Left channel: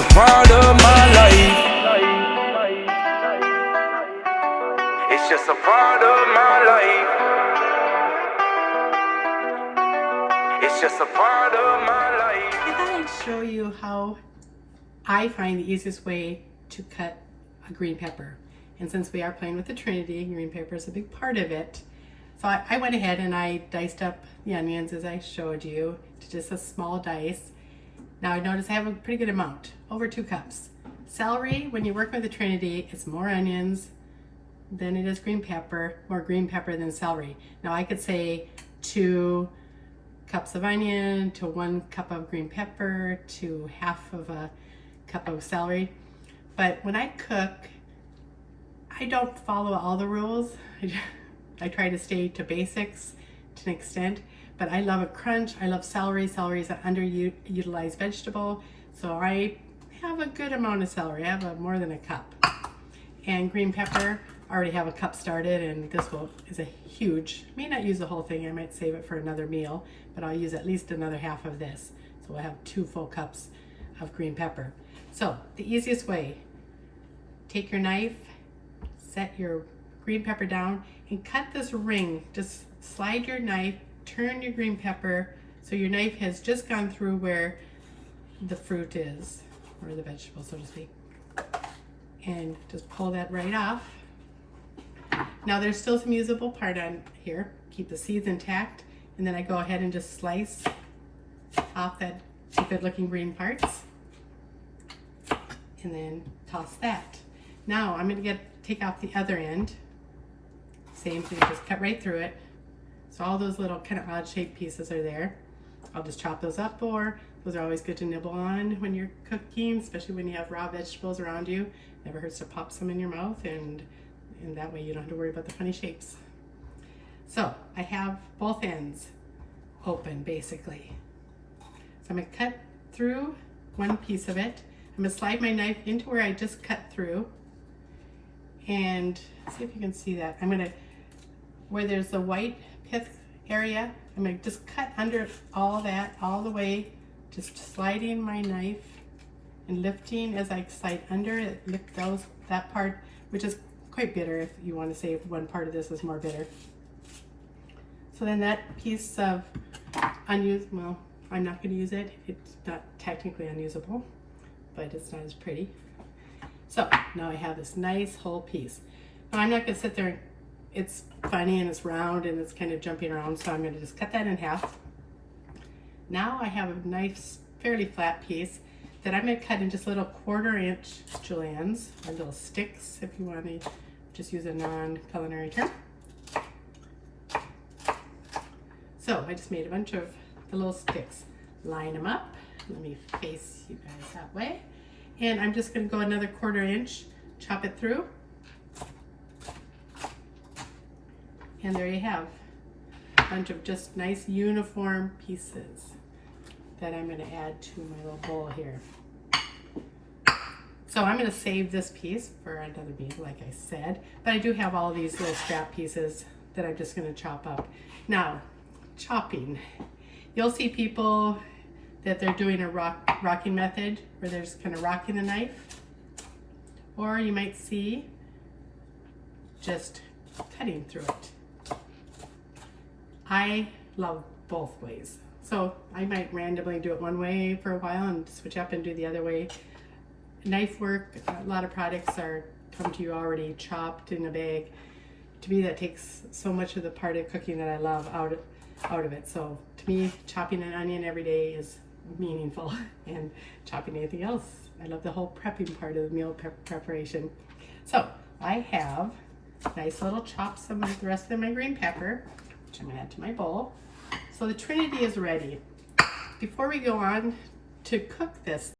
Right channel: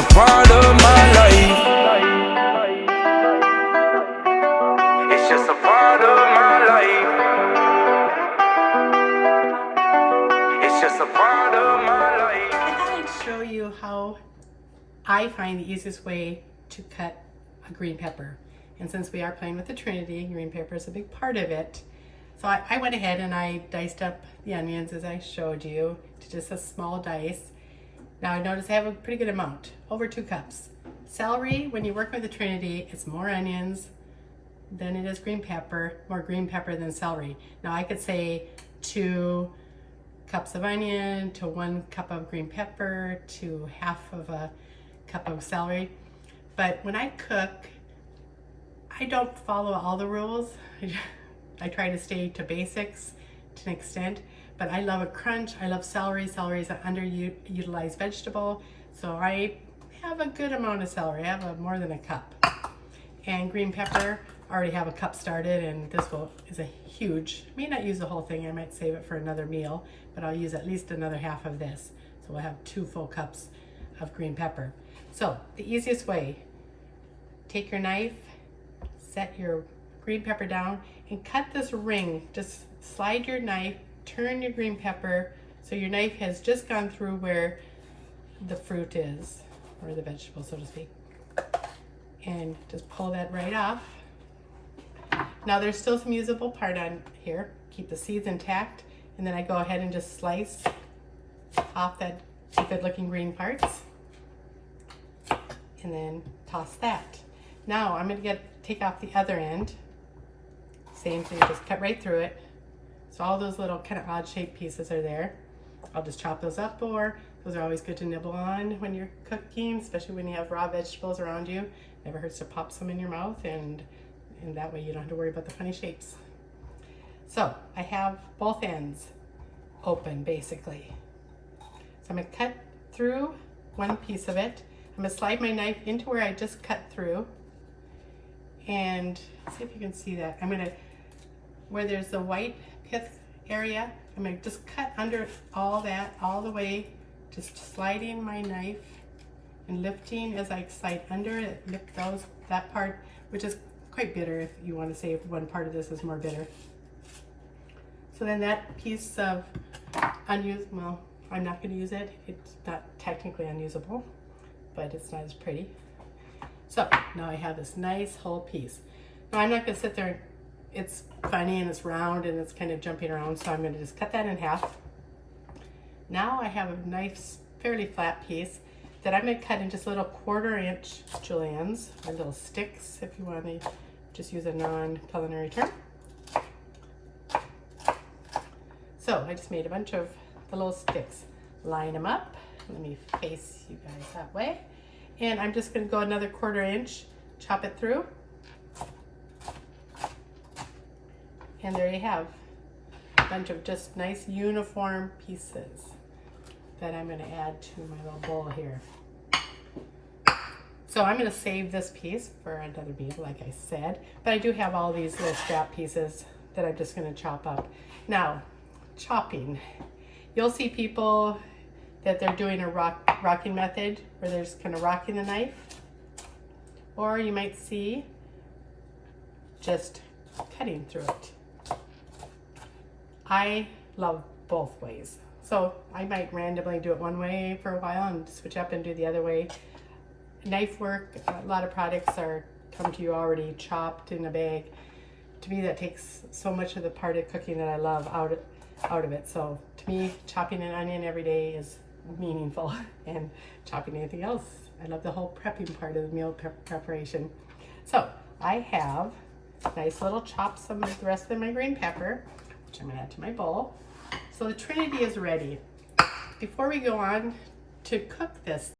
a part of my life. It's just a part of my life. It's just a part of my life. I thought I'd show you how I find the easiest way to cut a green pepper. And since we are playing with the Trinity, green pepper is a big part of it. So I went ahead and I diced up the onions as I showed you to just a small dice. Now I notice I have a pretty good amount, over 2 cups. Celery, when you work with the Trinity, it's more onions than it is green pepper, more green pepper than celery. Now I could say 2 cups of onion to 1 cup of green pepper to half of a cup of celery. But when I cook, I don't follow all the rules. I try to stay to basics to an extent, but I love a crunch. I love celery. Celery is an underutilized vegetable. So I have a good amount of celery. I have more than a cup. And green pepper, I already have a cup started, and this is a huge, may not use the whole thing. I might save it for another meal, but I'll use at least another half of this. So we'll have 2 full cups of green pepper. So the easiest way, take your knife, set your green pepper down and cut this ring. Just slide your knife, turn your green pepper so your knife has just gone through where the fruit is, or the vegetable, so to speak. And just pull that right off. Now there's still some usable part on here. Keep the seeds intact, and then I go ahead and just slice off that good looking green parts and then toss that. Now I'm going to take off the other end. Same thing, just cut right through it. So all those little kind of odd shaped pieces are there. I'll just chop those up, or those are always good to nibble on when you're cooking, especially when you have raw vegetables around you. Never hurts to pop some in your mouth, and that way you don't have to worry about the funny shapes. So I have both ends open basically. So I'm going to cut through one piece of it. I'm going to slide my knife into where I just cut through, and see if you can see that. I'm going to, where there's the white pith area, I'm going to just cut under all that, all the way, just sliding my knife and lifting as I slide under it, lift that part, which is quite bitter if you want to say one part of this is more bitter. So then that piece of well, I'm not going to use it. It's not technically unusable, but it's not as pretty. So now I have this nice whole piece. Now I'm not going to sit there, it's funny and it's round and it's kind of jumping around, so I'm going to just cut that in half. Now I have a nice, fairly flat piece that I'm going to cut in just little 1/4 inch juliennes, or little sticks if you want to just use a non-culinary term. So I just made a bunch of the little sticks. Line them up. Let me face you guys that way. And I'm just going to go another 1/4 inch, chop it through. And there you have a bunch of just nice uniform pieces that I'm going to add to my little bowl here. So I'm going to save this piece for another meal, like I said, but I do have all these little scrap pieces that I'm just going to chop up. Now, chopping. You'll see people that they're doing a rocking method where they're just kind of rocking the knife, or you might see just cutting through it. I love both ways. So I might randomly do it one way for a while and switch up and do the other way. Knife work, a lot of products come to you already chopped in a bag. To me, that takes so much of the part of cooking that I love out of it. So to me, chopping an onion every day is meaningful, and chopping anything else. I love the whole prepping part of the meal preparation. So I have nice little chops of the rest of my green pepper, which I'm going to add to my bowl. So the Trinity is ready. Before we go on to cook this,